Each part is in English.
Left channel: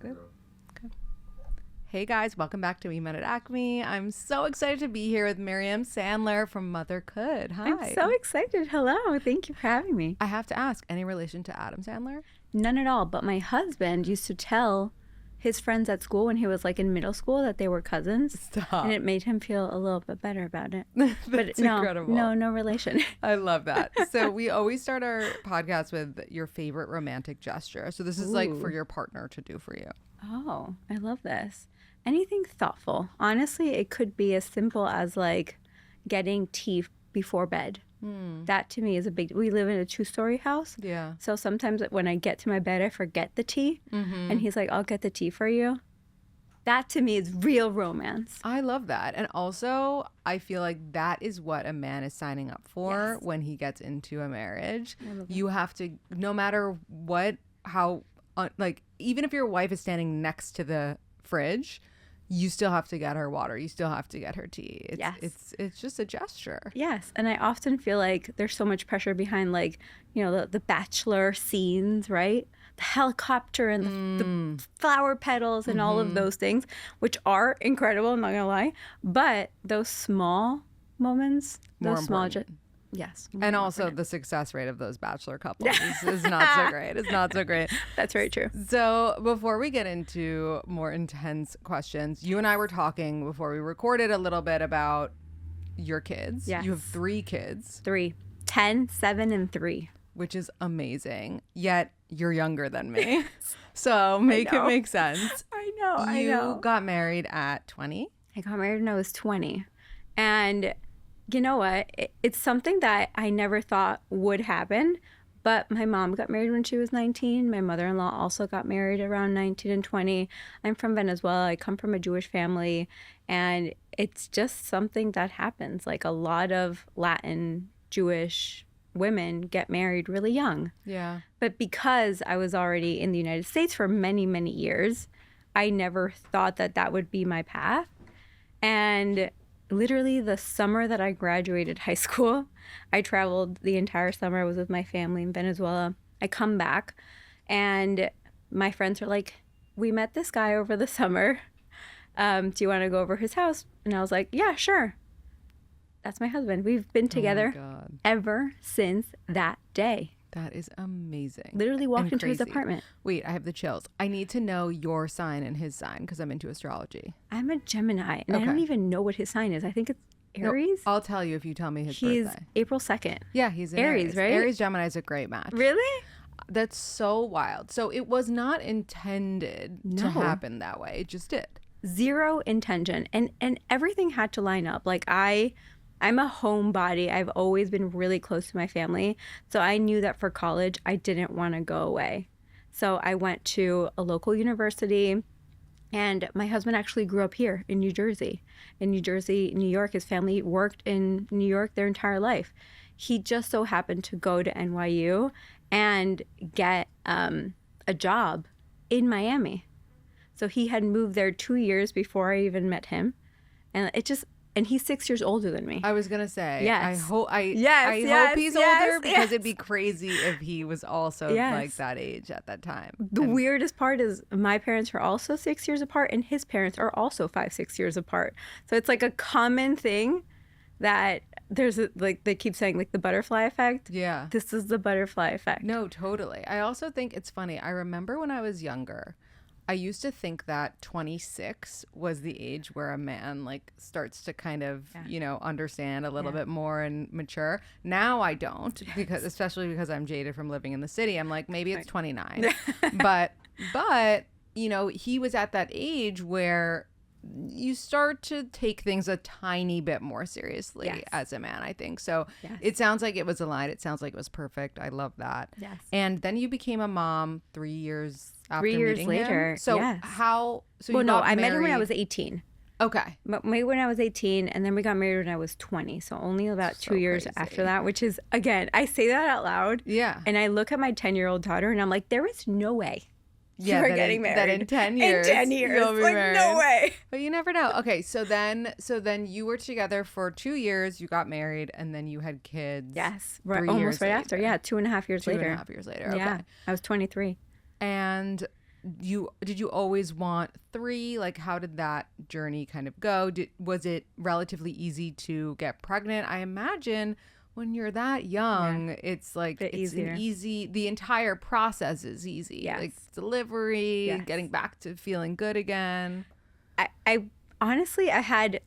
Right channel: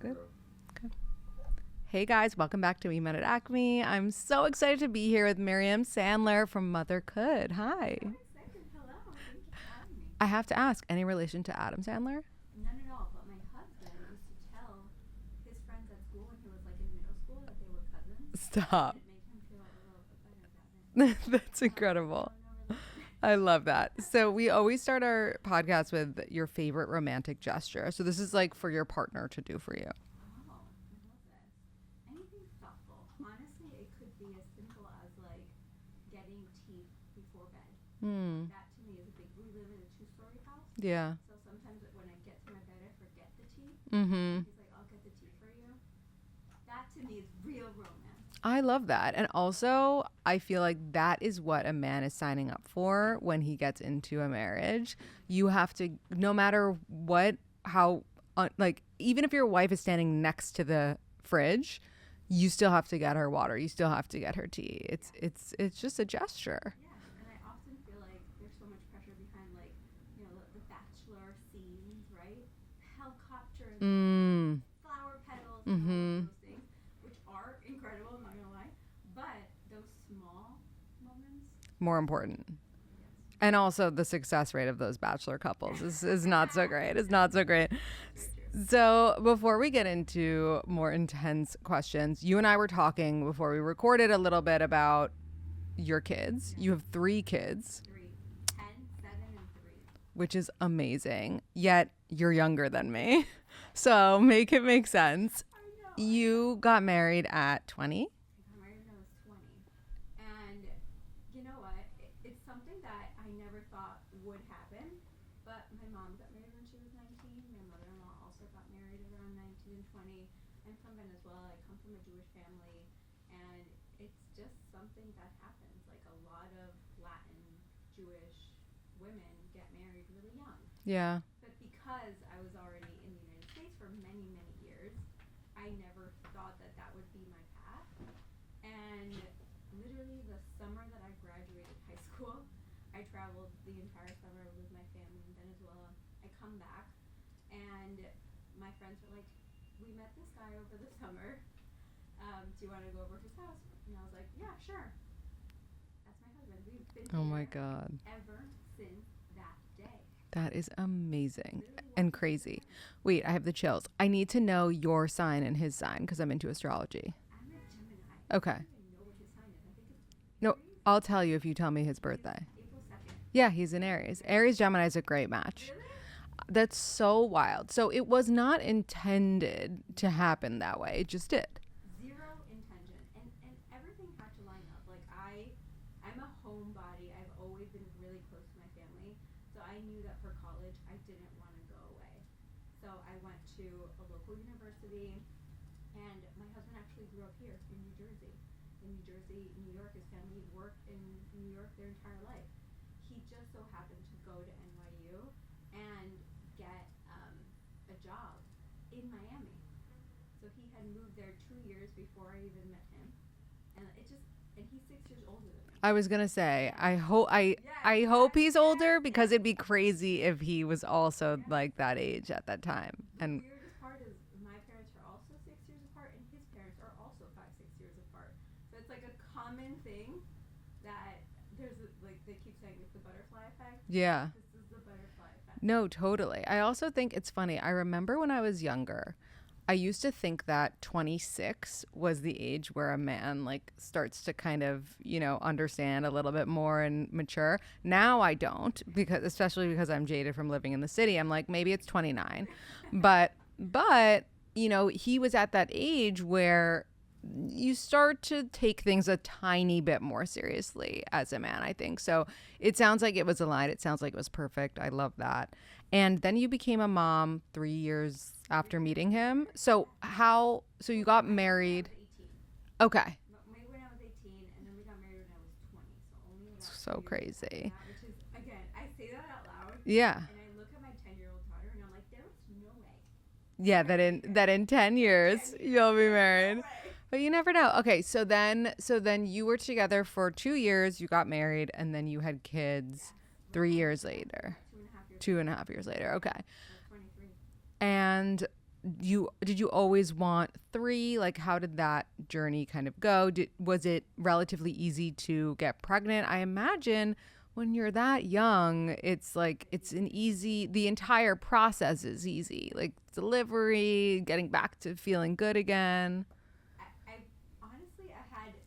Good. Okay. Hey guys, welcome back to We Met at Acme. I'm so excited to be here with Myriam Sandler from Mothercould. Hi. I'm so excited. Hello. Thank you for having me. I have to ask, any relation to Adam Sandler? None at all. But my husband used to tell his friends at school when he was like in middle school that they were cousins. Stop. And it made him feel a little bit better about it. That's incredible. No relation. I love that. So we always start our podcast with your favorite romantic gesture. So this is like for your partner to do for you. Oh, I love this. Anything thoughtful. Honestly, it could be as simple as like getting tea before bed. That to me is a big. We live in a 2-story house. Yeah. So sometimes when I get to my bed, I forget the tea. And he's like, I'll get the tea for you. That to me is real romance. I love that. And also, I feel like that is what a man is signing up for when he gets into a marriage. You have to, no matter what, how, like, even if your wife is standing next to the fridge, you still have to get her water. You still have to get her tea. It's just a gesture. Yes. And I often feel like there's so much pressure behind, like, you know, the bachelor scenes, right? The helicopter and the flower petals and all of those things, which are incredible, I'm not going to lie. But those small moments, More those important. Yes. And also the success rate of those bachelor couples is not so great. It's not so great. That's very true. So before we get into more intense questions, you and I were talking before we recorded a little bit about your kids. Yes. You have 3 kids. 3, 10, 7, and 3. Which is amazing. Yet you're younger than me. So make it make sense. I know. You got married at 20? I got married when I was 20. And you know what? It's something that I never thought would happen. But my mom got married when she was 19. My mother-in-law also got married around 19 and 20. I'm from Venezuela. I come from a Jewish family. And it's just something that happens. Like a lot of Latin Jewish women get married really young. Yeah. But because I was already in the United States for many, many years, I never thought that that would be my path. And literally the summer that I graduated high school, I traveled the entire summer. I was with my family in Venezuela. I come back and my friends are like, we met this guy over the summer. Do you want to go over his house? And I was like, yeah, sure. That's my husband. We've been together ever since that day. That is amazing. Literally walked into his apartment. Wait, I have the chills. I need to know your sign and his sign because I'm into astrology. I'm a Gemini, and I don't even know what his sign is. I think it's Aries. No, I'll tell you if you tell me his He's birthday. April 2nd. Yeah, he's in Aries. Right? Aries Gemini is a great match. Really? That's so wild. So it was not intended to happen that way. It just did. Zero intention. And everything had to line up. Like I'm a homebody. I've always been really close to my family. So I knew that for college, I didn't want to go away. So I went to a local university, and my husband actually grew up here in New Jersey. In New Jersey, New York, his family worked in New York their entire life. He just so happened to go to NYU and get a job in Miami. So he had moved there 2 years before I even met him. And he's 6 years older than me. I was gonna say, yes. I hope he's older because it'd be crazy if he was also like that age at that time. The weirdest part is my parents are also 6 years apart, and his parents are also 5-6 years apart. So it's like a common thing that there's like they keep saying like the butterfly effect. Yeah, this is the butterfly effect. No, totally. I also think it's funny. I remember when I was younger, I used to think that 26 was the age where a man like starts to kind of, you know, understand a little bit more and mature. Now I don't, because especially because I'm jaded from living in the city. I'm like, maybe it's 29. but you know, he was at that age where you start to take things a tiny bit more seriously as a man, I think. So it sounds like it was aligned. It sounds like it was perfect. I love that. Yes. And then you became a mom 3 years after meeting him. So you got married? I met him when I was 18. Okay. Maybe when I was 18, and then we got married when I was 20. So only about 2 years after that, which is, again, I say that out loud. Yeah. And I look at my 10-year-old daughter and I'm like, there is no way. Yeah, that in 10 years, you'll be married. No way. But you never know. Okay, so then you were together for 2 years, you got married, and then you had kids. Yes. 3 years right later. after. Yeah, 2.5 years later. 2.5 years later, okay. Yeah, I was 23. And did you always want 3? Like, how did that journey kind of go? Was it relatively easy to get pregnant? I imagine when you're that young, it's like it's easier. the entire process is easy. Yes. Like delivery, Yes. getting back to feeling good again. I honestly, I had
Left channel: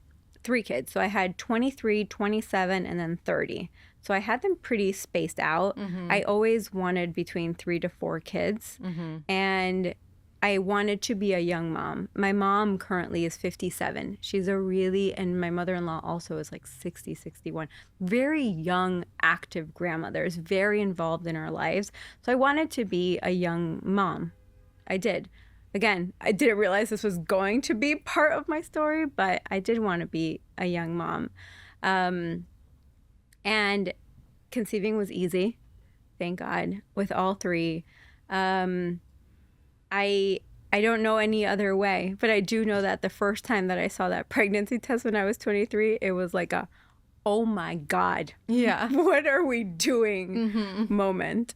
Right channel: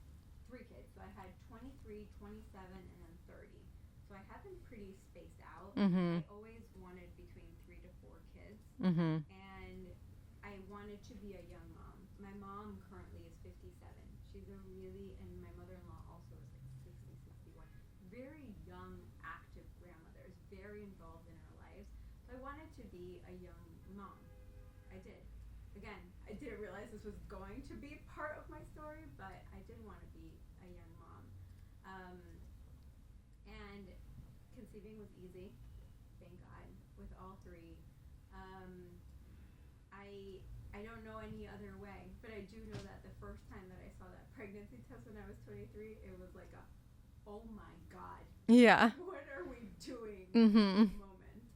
3 kids. So I had 23, 27, and then 30. So I had them pretty spaced out. I always wanted between 3 to 4 kids. And I wanted to be a young mom. My mom currently is 57. She's and my mother-in-law also is like 60, 61. Very young, active grandmothers, very involved in our lives. So I wanted to be a young mom. I did. Again, I didn't realize this was going to be part of my story, but I did want to be a young mom. And conceiving was easy, thank God, with all 3. I don't know any other way, but I do know that the first time that I saw that pregnancy test when I was 23, it was like oh my God. Yeah. What are we doing moment.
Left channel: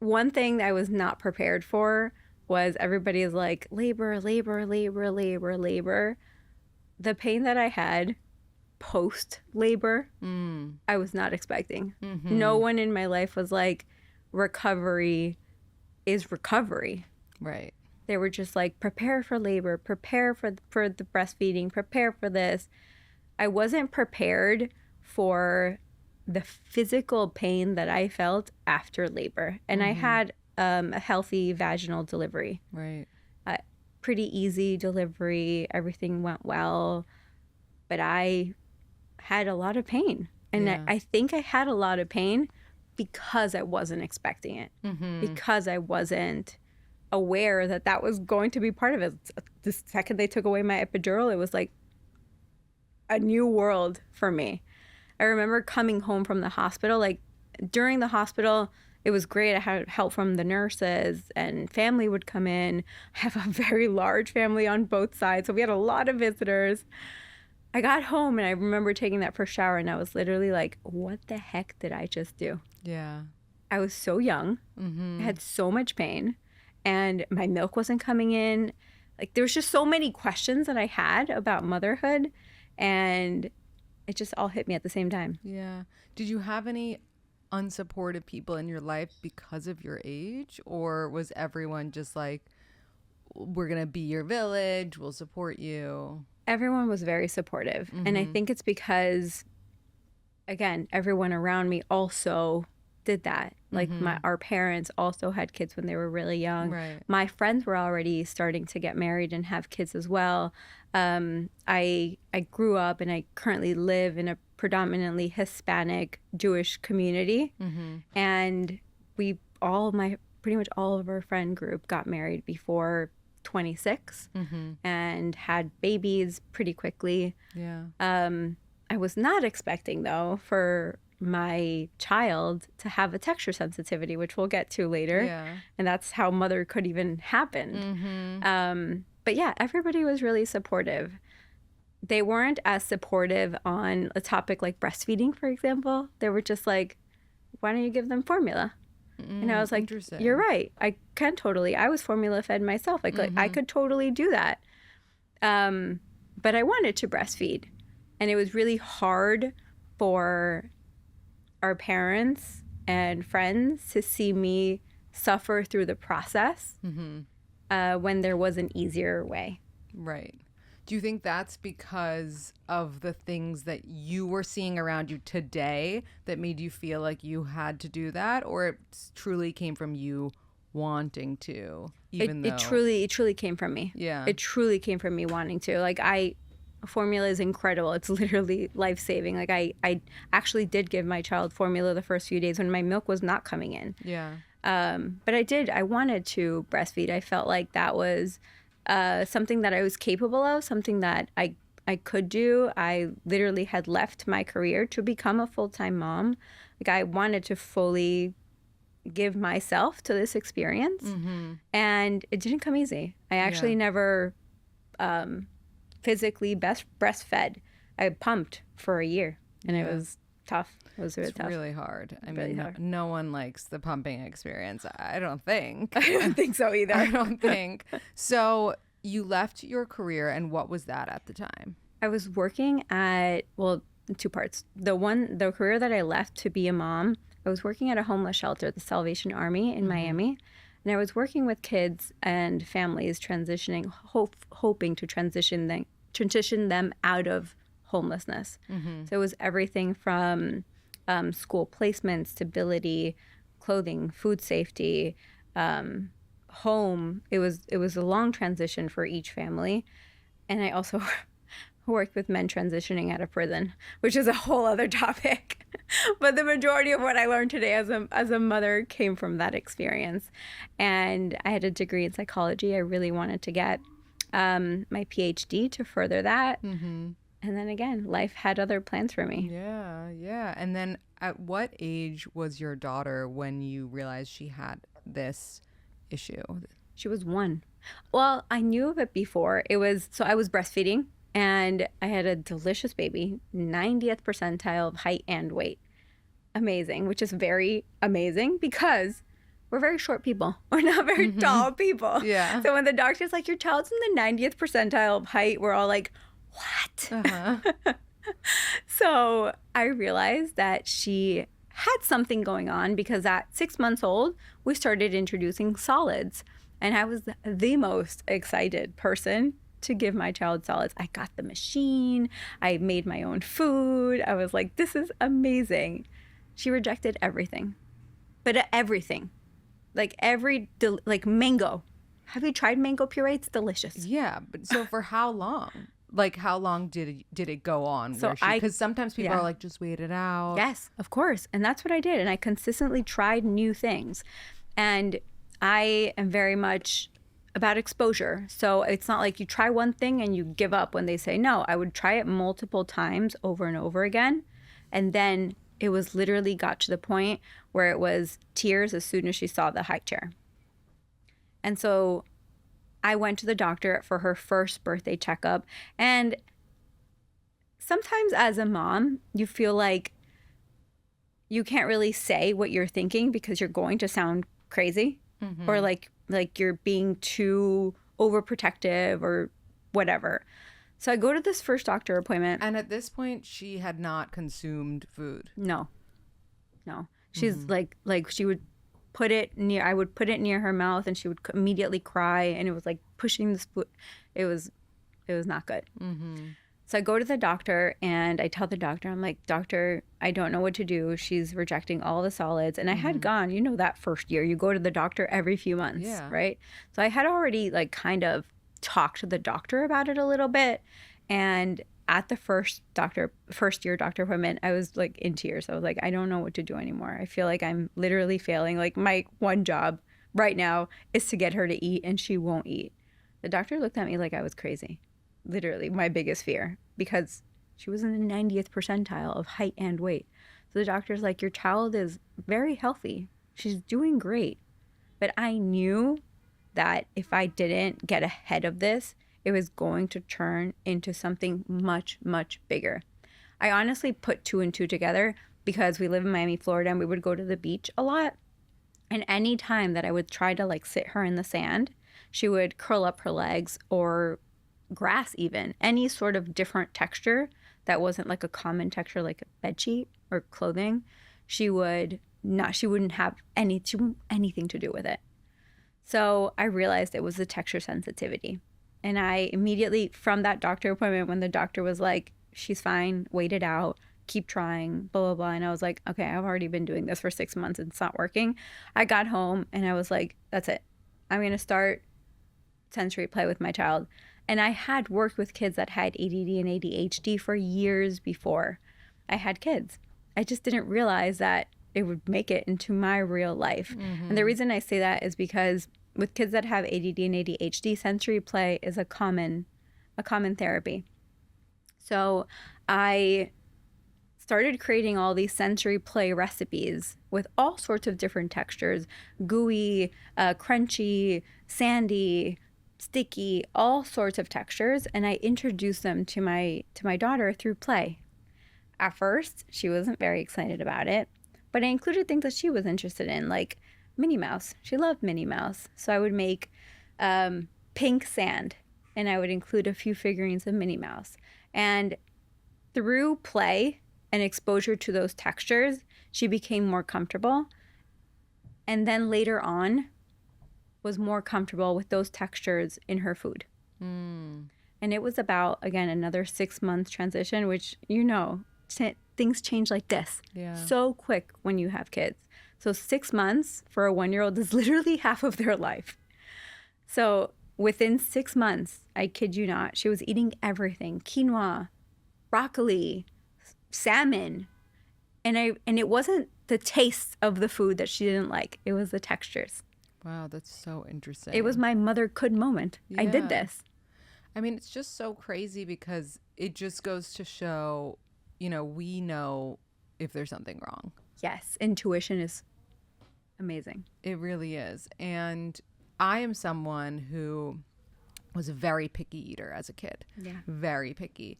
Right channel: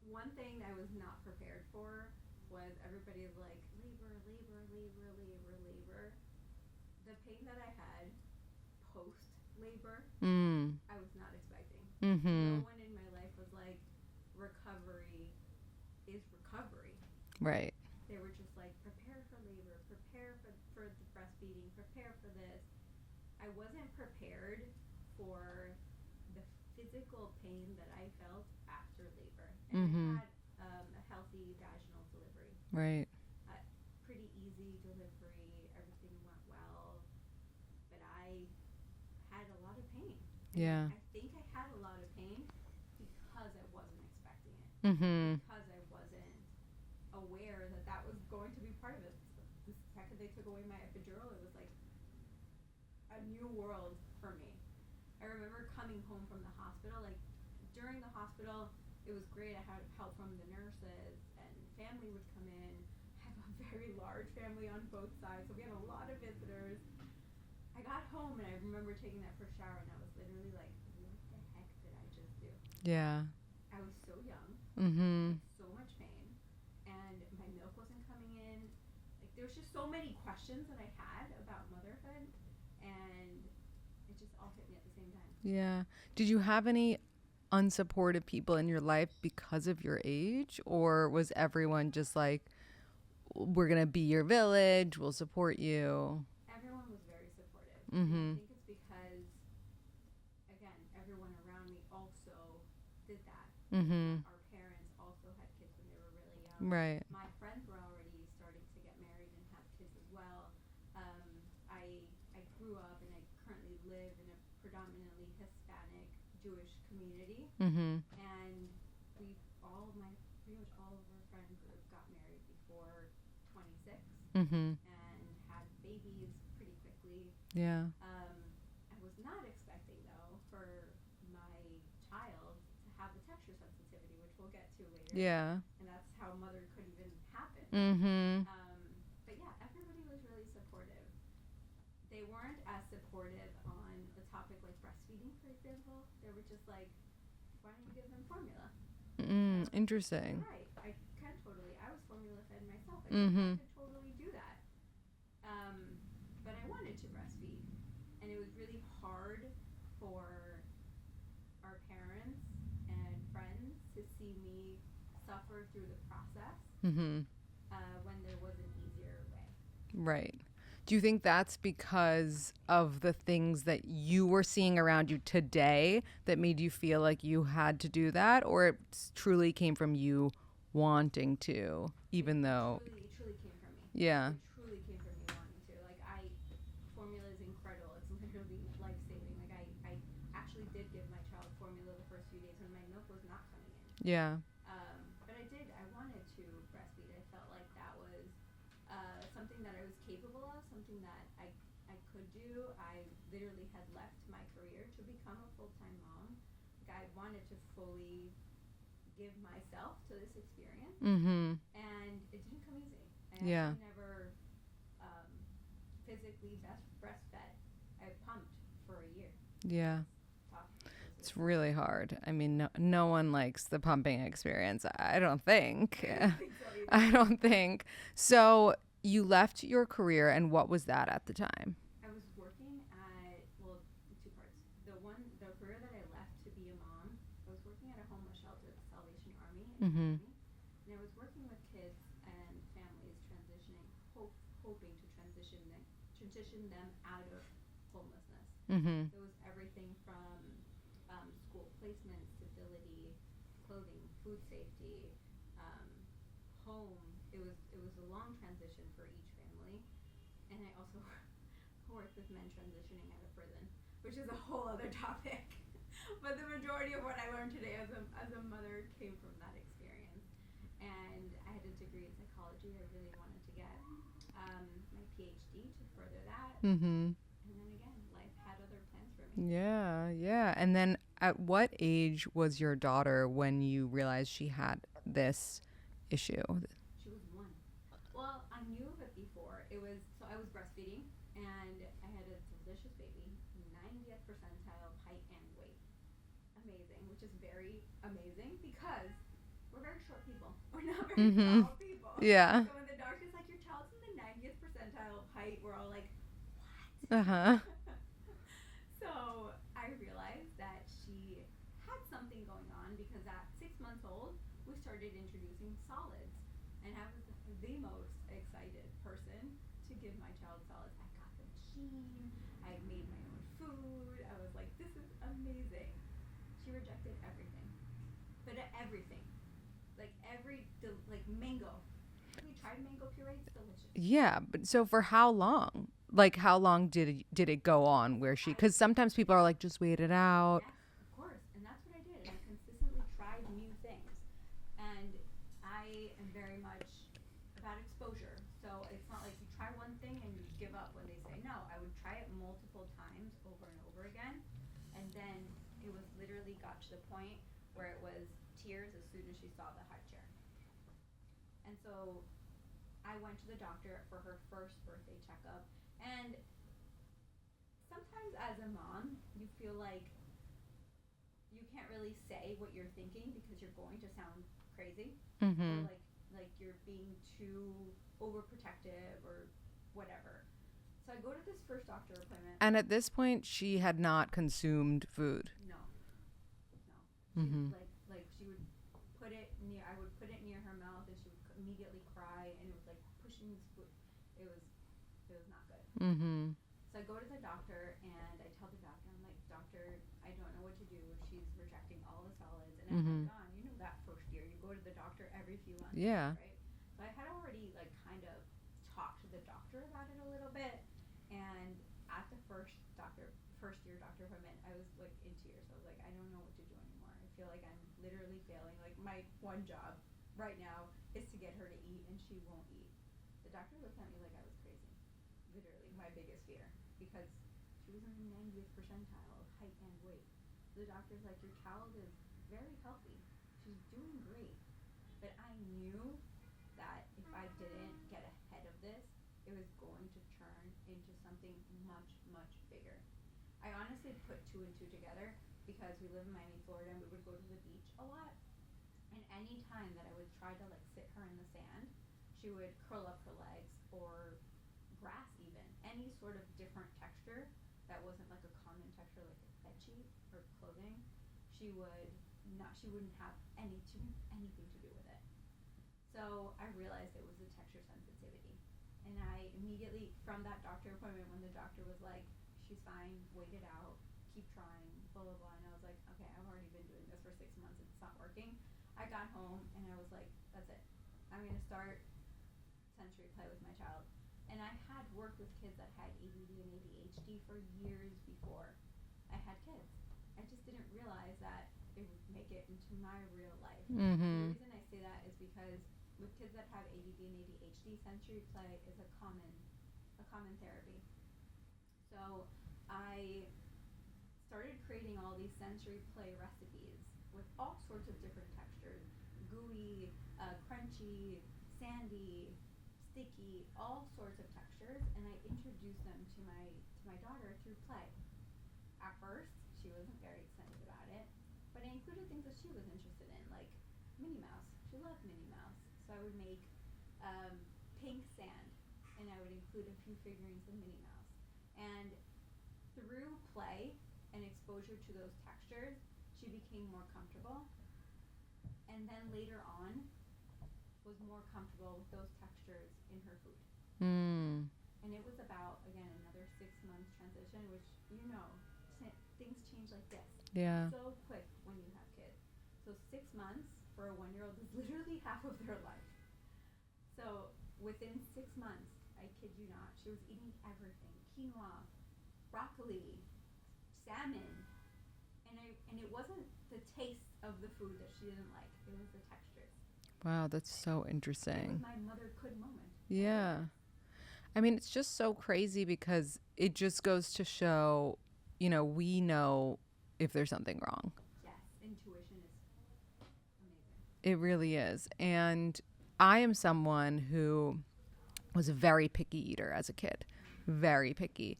One thing that I was not prepared for was everybody is like, labor, labor, labor, labor, labor. The pain that I had post-labor, I was not expecting. No one in my life was like, recovery is recovery. Right. They were just like, prepare for labor, prepare for the breastfeeding, prepare for this. I wasn't prepared for the physical pain that I felt after labor. And I had a healthy vaginal delivery. Right. Pretty easy delivery. Everything went well. But I had a lot of pain. And Yeah. I think I had a lot of pain because I wasn't expecting it. Because I wasn't aware that that was going to be part of it. The second they took away my epidural, it was like a new world for me. I remember coming home from the hospital. Like during the hospital, it was great. I had help from the nurses and family would come in. I have a very large family on both sides, so we had a lot of visitors. I got home and I remember taking that first shower and I was literally like, what the heck did I just do? Yeah. I was so young. I had so much pain and my milk wasn't coming in. Like there was just so many questions that I had about motherhood and it just all hit me at the same time. Yeah. Did you have any unsupportive people in your life because of your age, or was everyone just like, we're going to be your village, we'll support you? Everyone was very supportive. And I think it's because, again, everyone around me also did that. Like our parents also had kids when they were really young. Right. My friends were already starting to get married and have kids as well. I grew up and I currently live in a predominantly Hispanic Jewish community. And pretty much all of our friend group got married before 26 and had babies pretty quickly. Yeah. I was not expecting though for my child to have a texture sensitivity, which we'll get to later. Yeah. And that's how Mothercould even happened. But yeah, everybody was really supportive. They weren't as supportive on a topic like breastfeeding, for example. They were just like, why don't you give them formula? And I was like, Interesting. you're right. I can totally. I was formula fed myself. Like I could totally do that. But I wanted to breastfeed. And it was really hard for our parents and friends to see me suffer through the process when there was an easier way. Right. Do you think that's because of the things that you were seeing around you today that made you feel like you had to do that, or it truly came from you wanting to, even though it truly came from me. Yeah. It truly came from me wanting to. Like formula is incredible. It's literally life-saving. Like I actually did give my child formula the first few days when my milk was not coming in. Yeah. But I wanted to breastfeed. I felt like that was something that I was capable of, something that I could do. I literally had left my career to become a full-time mom. Like I wanted to fully give myself to this experience. And it didn't come easy. I actually never physically breastfed. I pumped for a year and it was tough. It was really It's tough. really hard. I Really mean, hard. no one likes the pumping experience. I don't think. I don't think so either. I don't think. So you left your career, and what was that at the time? I was working at, well, two parts. The career that I left to be a mom, I was working at a homeless shelter, the Salvation Army in Miami. And I was working with kids and families transitioning, hoping to transition them out of homelessness. So it was everything from school placement, stability, clothing, food safety, home. It was a long transition for each family. And I also worked with men transitioning out of prison, which is a whole other topic. But the majority of what I learned today as a mother came from that experience. And I had a degree in psychology. I really wanted to get my PhD to further that. And then again, life had other plans for me. Yeah. And then at what age was your daughter when you realized she had this issue? She was 1. Well, I knew of it before. I was breastfeeding, and I had a delicious baby, 90th percentile of height and weight. Amazing, which is very amazing because we're very short people. We're not very tall people. Yeah. So when the doctor's like, your child's in the 90th percentile of height, we're all like, what? So I realized that she had something going on because at 6 months old, we started introducing solids. And I was the most excited person to give my child solids. I got the machine. I made my own food. I was like, this is amazing. She rejected everything. But everything. Like mango. Have you tried mango puree? It's delicious. Yeah, but so for how long? Like, how long did it go on? So Because sometimes people are like, just wait it out. Yes, of course. And that's what I did. And I consistently tried new things. And I am very much about exposure. So it's not like you try one thing and you give up when they say no. I would try it multiple times over and over again. And then it was literally got to the point where it was tears as soon as she saw the high chair. And so I went to the doctor for her first birthday checkup. And sometimes as a mom, you feel like you can't really say what you're thinking because you're going to sound crazy or like you're being too overprotective or whatever. So I go to this first doctor appointment. And at this point, she had not consumed food. No. She's like she would put it near, I would put it near her mouth and she would immediately cry, and it was like pushing the spoon. It was not good. So I go to the doctor and I tell the doctor, I'm like, doctor, I don't know what to do. She's rejecting all the solids. And I had gone, that first year, you go to the doctor every few months, right? So I had already like kind of talked to the doctor about it a little bit. And at the first year doctor appointment, I was like in tears. I was like, I don't know what to do anymore. I feel like I'm literally failing. Like my one job right now is to get her to eat, and she won't eat. The doctor looked at me like I was crazy. Literally my biggest fear, because she was in the 90th percentile of height and weight. So the doctor's like, your child is very healthy. She's doing great. But I knew that if I didn't get ahead of this, it was going to turn into something much, much bigger. I honestly put 2 and 2 together because we live in Miami, Florida, and we would go to the beach a lot. And any time that I would try to like sit her in the sand, she would curl up her legs, or grass even, any sort of different texture that wasn't like a common texture like a bed sheet or clothing. She wouldn't have anything to do with it. So I realized it was the texture sensitivity. And I immediately, from that doctor appointment, when the doctor was like, she's fine, wait it out, keep trying, blah, blah, blah. And I was like, okay, I've already been doing this for 6 months and it's not working. I got home and I was like, that's it. I'm going to start sensory play with my child. And I had worked with kids that had ADD and ADHD for years before I had kids. I just didn't realize that it would make it into my real life. And the reason I say that is because with kids that have ADD and ADHD, sensory play is a common therapy. So I started creating all these sensory play recipes with all sorts of different textures, gooey, crunchy, sandy, sticky, all sorts of textures, and I introduced them to my daughter through play. at first, she wasn't very excited about it, but I included things that she was interested in, like Minnie Mouse. She loved Minnie Mouse. So I would make pink sand, and I would include a few figurines of Minnie Mouse. And through play and exposure to those textures, she became more comfortable. And then later on, was more comfortable with those textures in her food. And it was about, again, another 6 month transition, which, things change like this. Yeah. So quick when you have kids. So 6 months for a 1-year-old is literally half of their life. So within 6 months, I kid you not, she was eating everything: quinoa, broccoli, salmon. And it wasn't the taste of the food that she didn't like. It was the textures. Wow, that's so interesting. It was my mothercould moment. Yeah. I did this. I mean, it's just so crazy because it just goes to show, we know if there's something wrong. Yes, intuition is amazing. It really is. And I am someone who was a very picky eater as a kid. Yeah. Very picky.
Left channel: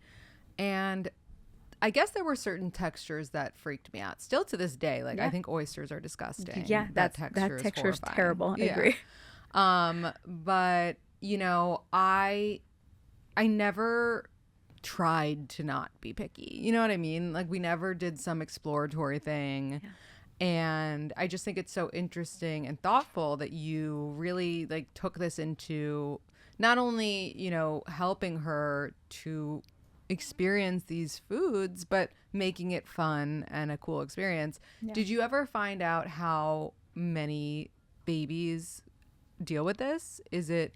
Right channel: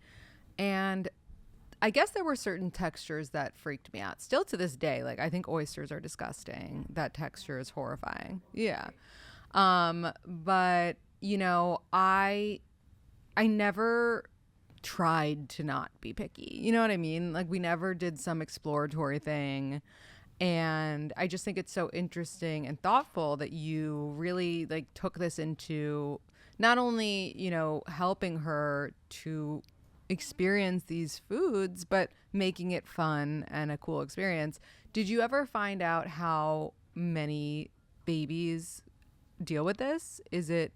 And I guess there were certain textures that freaked me out. Still to this day, like, I think oysters are disgusting. Yeah, that texture is horrifying. Terrible. I Yeah. agree. But I never tried to not be picky. You know what I mean? Like, we never did some exploratory thing. Yeah. And I just think it's so interesting and thoughtful that you really took this into not only, helping her to experience these foods, but making it fun and a cool experience. Yeah. Did you ever find out how many babies deal with this? Is it,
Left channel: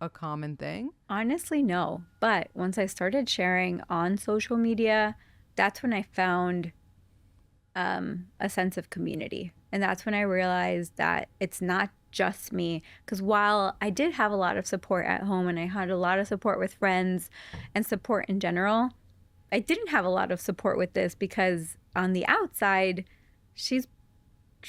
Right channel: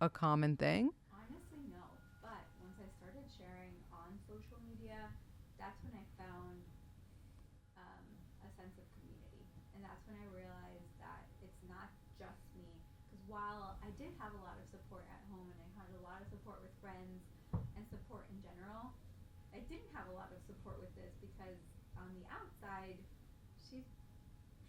a common thing? Honestly, no. But once I started sharing on social media, that's when I found a sense of community. And that's when I realized that it's not just me. Because while I did have a lot of support at home and I had a lot of support with friends and support in general, I didn't have a lot of support with this because on the outside, she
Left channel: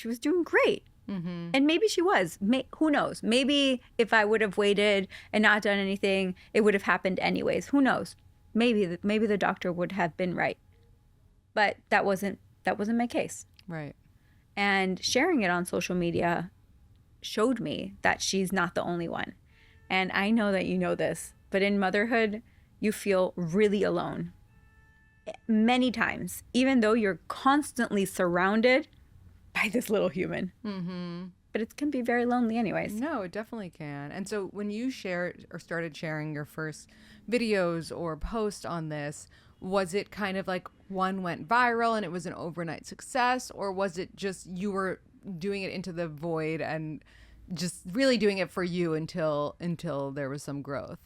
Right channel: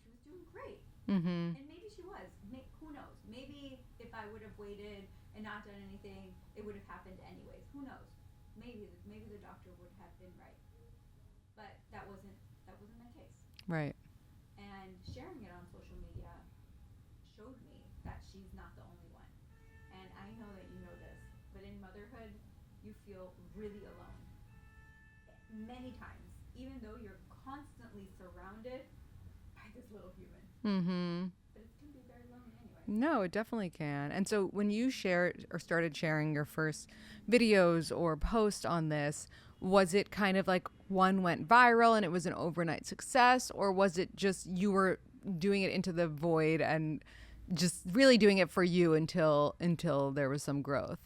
was doing great. Mm-hmm. And maybe she was. Who knows? Maybe if I would have waited and not done anything, it would have happened anyways. Who knows? Maybe the doctor would have been right. But that wasn't my case. Right. And sharing it on social media showed me that she's not the only one. And I know that you know this, but in motherhood, you feel really alone. Many times, even though you're constantly surrounded by this little human. Mm-hmm. But it can be very lonely anyways. No, it definitely can. And so when you shared or started sharing your first videos or posts on this, was it kind of like one went viral and it was an overnight success? Or was it just you were doing it into the void and just really doing it for you until there was some growth?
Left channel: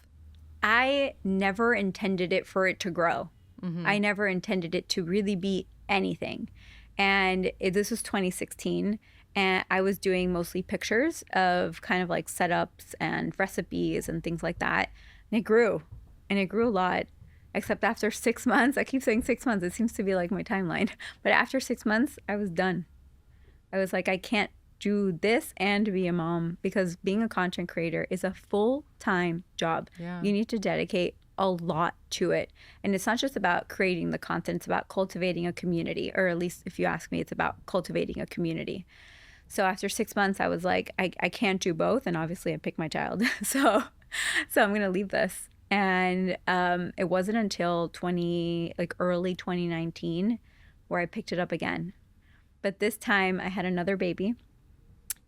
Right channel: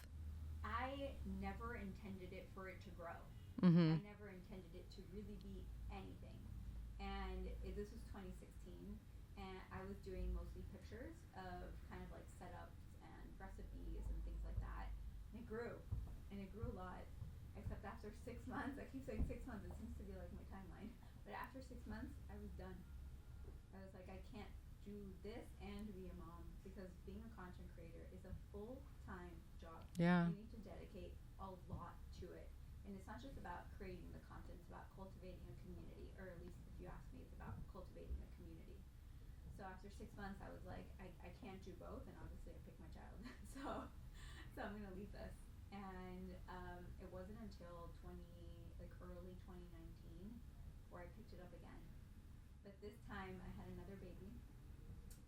I never intended it for it to grow. Mm-hmm. I never intended it to really be anything. And this was 2016, and I was doing mostly pictures of kind of like setups and recipes and things like that. And it grew a lot, except after 6 months. I keep saying 6 months. It seems to be like my timeline. But after 6 months, I was done. I was like, I can't do this and be a mom, because being a content creator is a full-time job. Yeah. You need to dedicate a lot to it. And it's not just about creating the content, it's about cultivating a community, or at least if you ask me, it's about cultivating a community. So after 6 months, I was like, I can't do both. And obviously I picked my child. So I'm going to leave this. And it wasn't until early 2019 where I picked it up again. But this time I had another baby.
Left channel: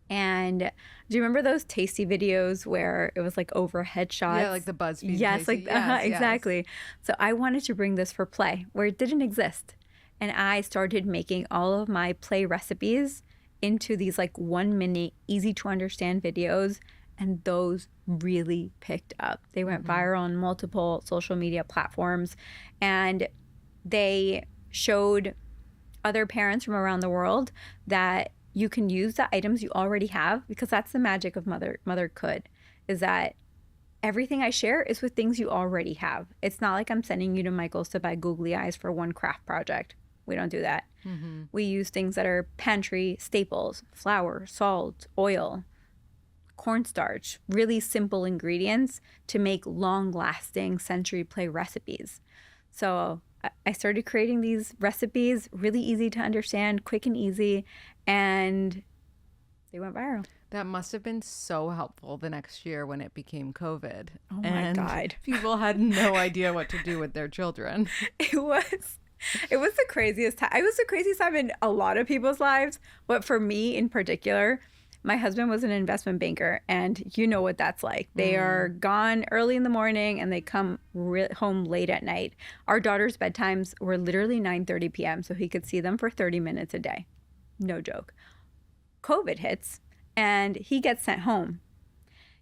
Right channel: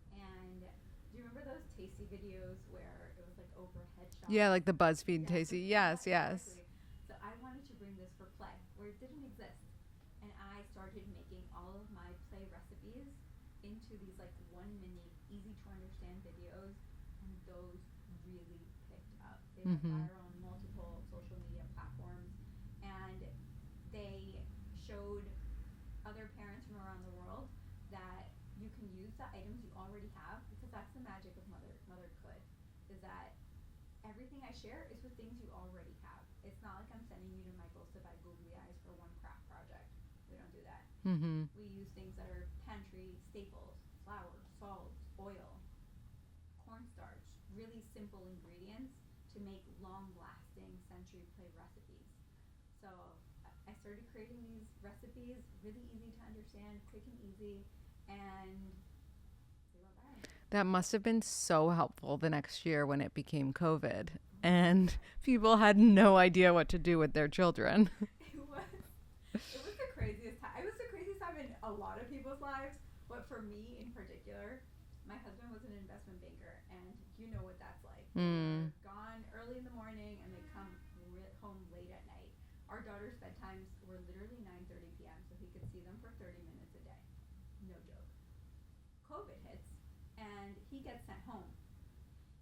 And do you remember those tasty videos where it was like overhead shots? Yeah, like the BuzzFeed tasty. Yes, exactly. So I wanted to bring this for play where it didn't exist. And I started making all of my play recipes into these 1 minute, easy to understand videos. And those really picked up. They went viral on multiple social media platforms. And they showed other parents from around the world that you can use the items you already have, because that's the magic of Mothercould, is that everything I share is with things you already have. It's not like I'm sending you to Michael's to buy googly eyes for one craft project. We don't do that. Mm-hmm. We use things that are pantry staples: flour, salt, oil, cornstarch, really simple ingredients to make long-lasting sensory play recipes. So I started creating these recipes, really easy to understand, quick and easy, and they went viral. That must have been so helpful the next year when it became COVID. Oh my and God. people had no idea what to do with their children. It was the craziest time. It was the craziest time in a lot of people's lives, but for me in particular, my husband was an investment banker, and you know what that's like. They are gone early in the morning and they come home late at night. Our daughter's bedtimes were literally 9:30 p.m. so he could see them for 30 minutes a day. No joke. COVID hits and he gets sent home.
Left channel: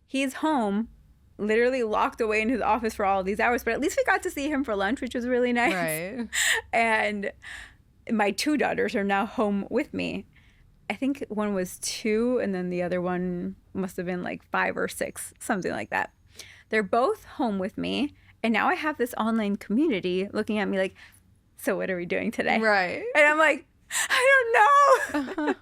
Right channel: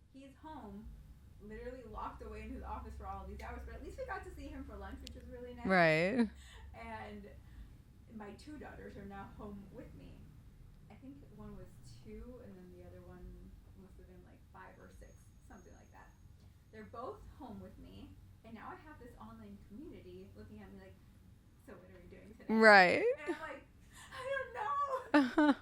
He's home, literally locked away in his office for all of these hours, but at least we got to see him for lunch, which was really nice. Right. And my 2 daughters are now home with me. I think one was 2 and then the other one must have been like 5 or 6, something like that. They're both home with me, and now I have this online community looking at me like, so what are we doing today? Right. And I'm like, I don't know.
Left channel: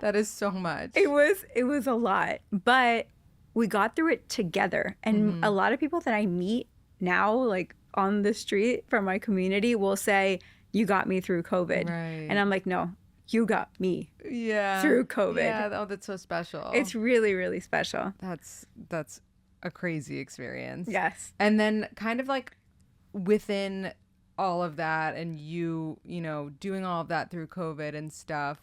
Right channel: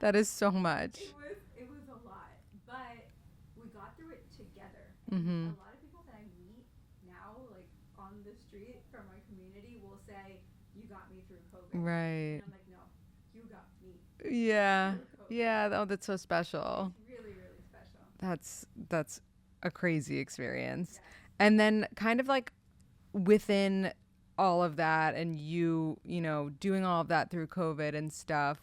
That is so much. It was a lot, but we got through it together. And a lot of people that I meet now, like on the street from my community, will say, you got me through COVID. Right. And I'm like, no, you got me Yeah. through COVID. Yeah. Oh, that's so special. It's really, really special. That's a crazy experience. Yes. And then kind of like within all of that, and you know, doing all of that through COVID and stuff,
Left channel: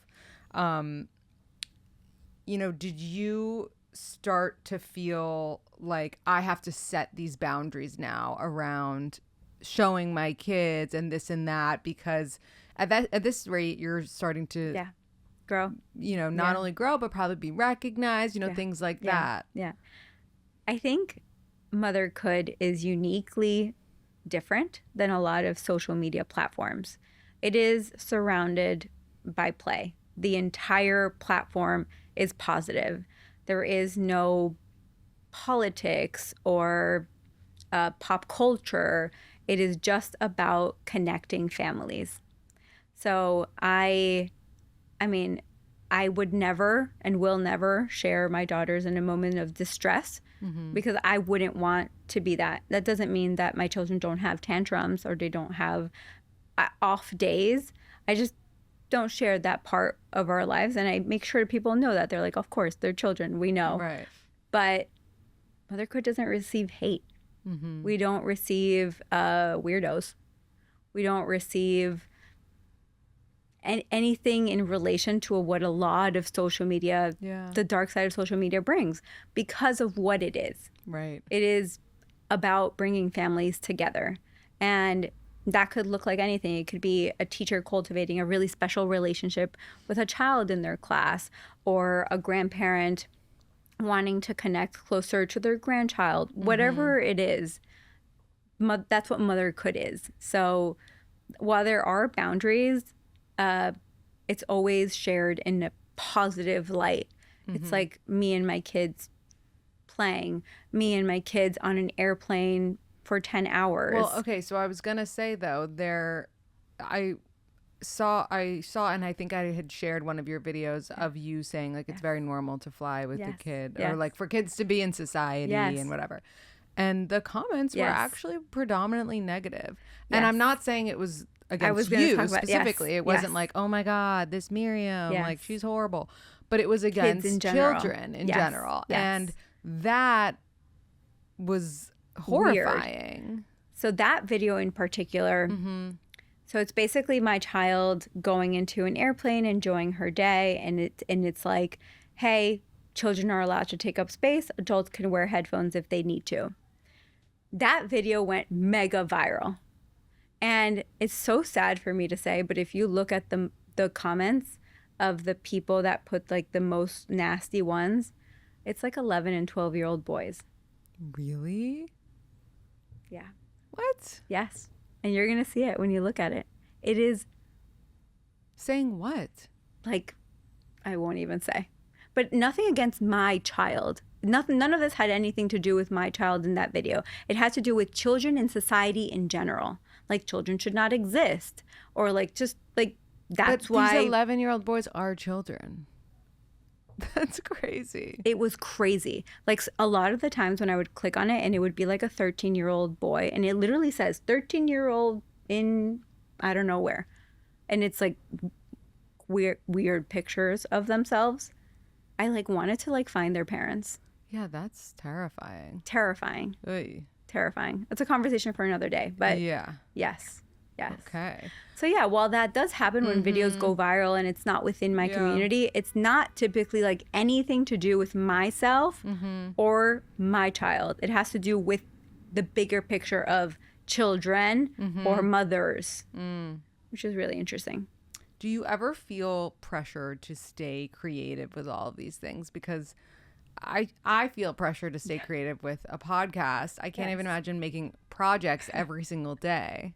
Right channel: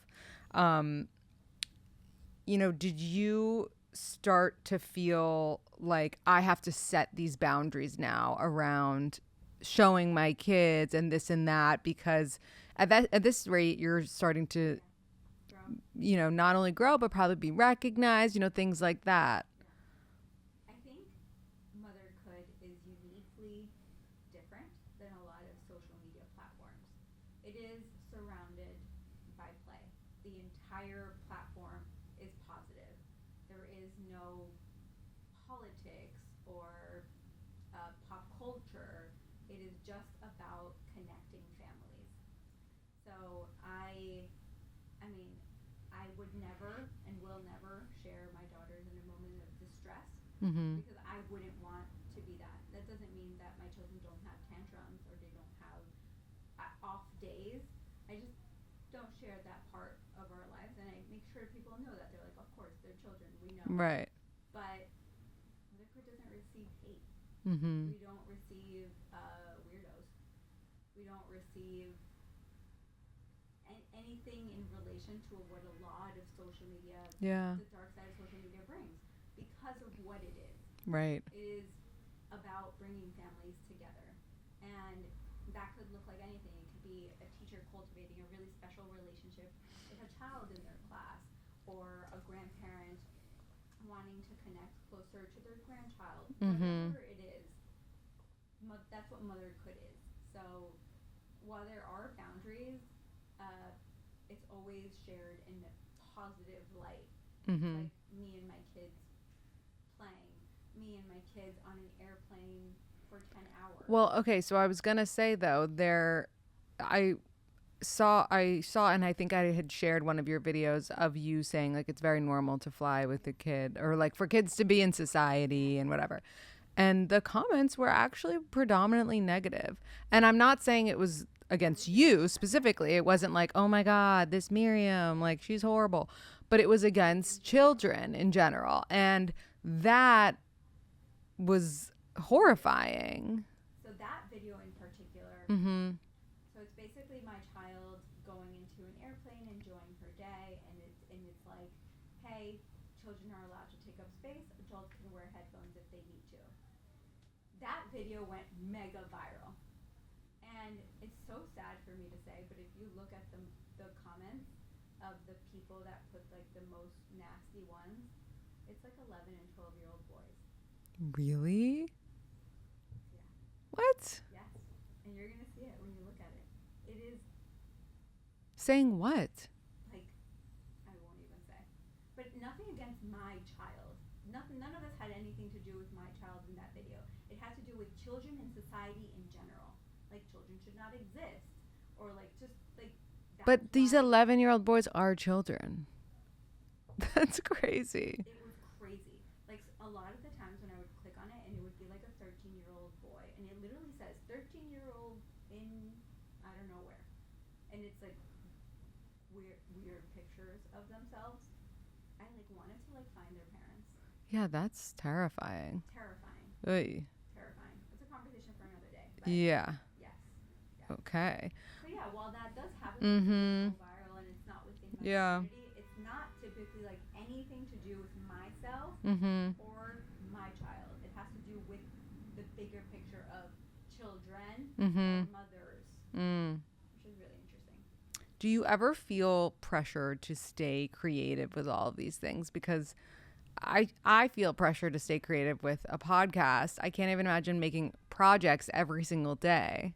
you know, did you start to feel like I have to set these boundaries now around showing my kids and this and that, because at this rate you're starting to grow, you know, not only grow but probably be recognized, you know, things like that. Yeah. I think Mothercould is uniquely different than a lot of social media platforms. It is surrounded by play. The entire platform is positive. There is no politics or pop culture. It is just about connecting families. So I mean, I would never and will never share my daughters in a moment of distress, because I wouldn't want to be that. That doesn't mean that my children don't have tantrums or they don't have off days. I just don't share that part of our lives, and I make sure people know that. They're like, of course, they're children, we know. Right. But Mothercould doesn't receive hate. We don't receive weirdos. We don't receive anything in relation to what a lot of social media, the dark side of social media brings, because of what it is. Right. It is about bringing families together. And that could look like anything. It could be a teacher cultivating a really special relationship with a child in their class, or a grandparent wanting to connect closer to their grandchild. Whatever it is, that's what Mothercould is. So while there are boundaries, it's always shared in a positive light. It's like me and my kids playing, me and my kids on an airplane for 10 hours. Well, okay, so I was gonna say though, I saw, and I think I had shared one of your videos of you saying like it's very normal to fly with the kid, or like for kids to be in society and whatever. And the comments were actually predominantly negative. And I'm not saying it was against you specifically. It wasn't like, oh my God, this Myriam, like she's horrible. But it was against children in general. And that was horrifying. Weird. So that video in particular, so it's basically my child going into an airplane, enjoying her day, and it's like, hey, children are allowed to take up space, adults can wear headphones if they need to. That video went mega viral. And it's so sad for me to say, but if you look at the comments of the people that put like the most nasty ones, it's like 11 and 12-year-old boys. Really? Yeah. What? Yes. And you're going to see it when you look at it. It is. Saying what? Like, I won't even say. But nothing against my child. None of this had anything to do with my child in that video. It had to do with children in society in general. Like, children should not exist. Or like, just like, that's why. But these 11-year-old boys are children. That's crazy. It was crazy. Like, a lot of the times when I would click on it, and it would be like a 13-year-old boy, and it literally says 13-year-old in I don't know where, and it's like weird pictures of themselves. I like wanted to like find their parents. Yeah, that's terrifying. Terrifying. Oy. Terrifying. It's a conversation for another day. But yeah. Yes. Okay. So yeah, while that does happen when videos go viral and it's not within my community, it's not typically like anything to do with myself or my child. It has to do with the bigger picture of children or mothers, which is really interesting. Do you ever feel pressure to stay creative with all of these things? Because I feel pressure to stay creative with a podcast. I can't even imagine making projects every single day.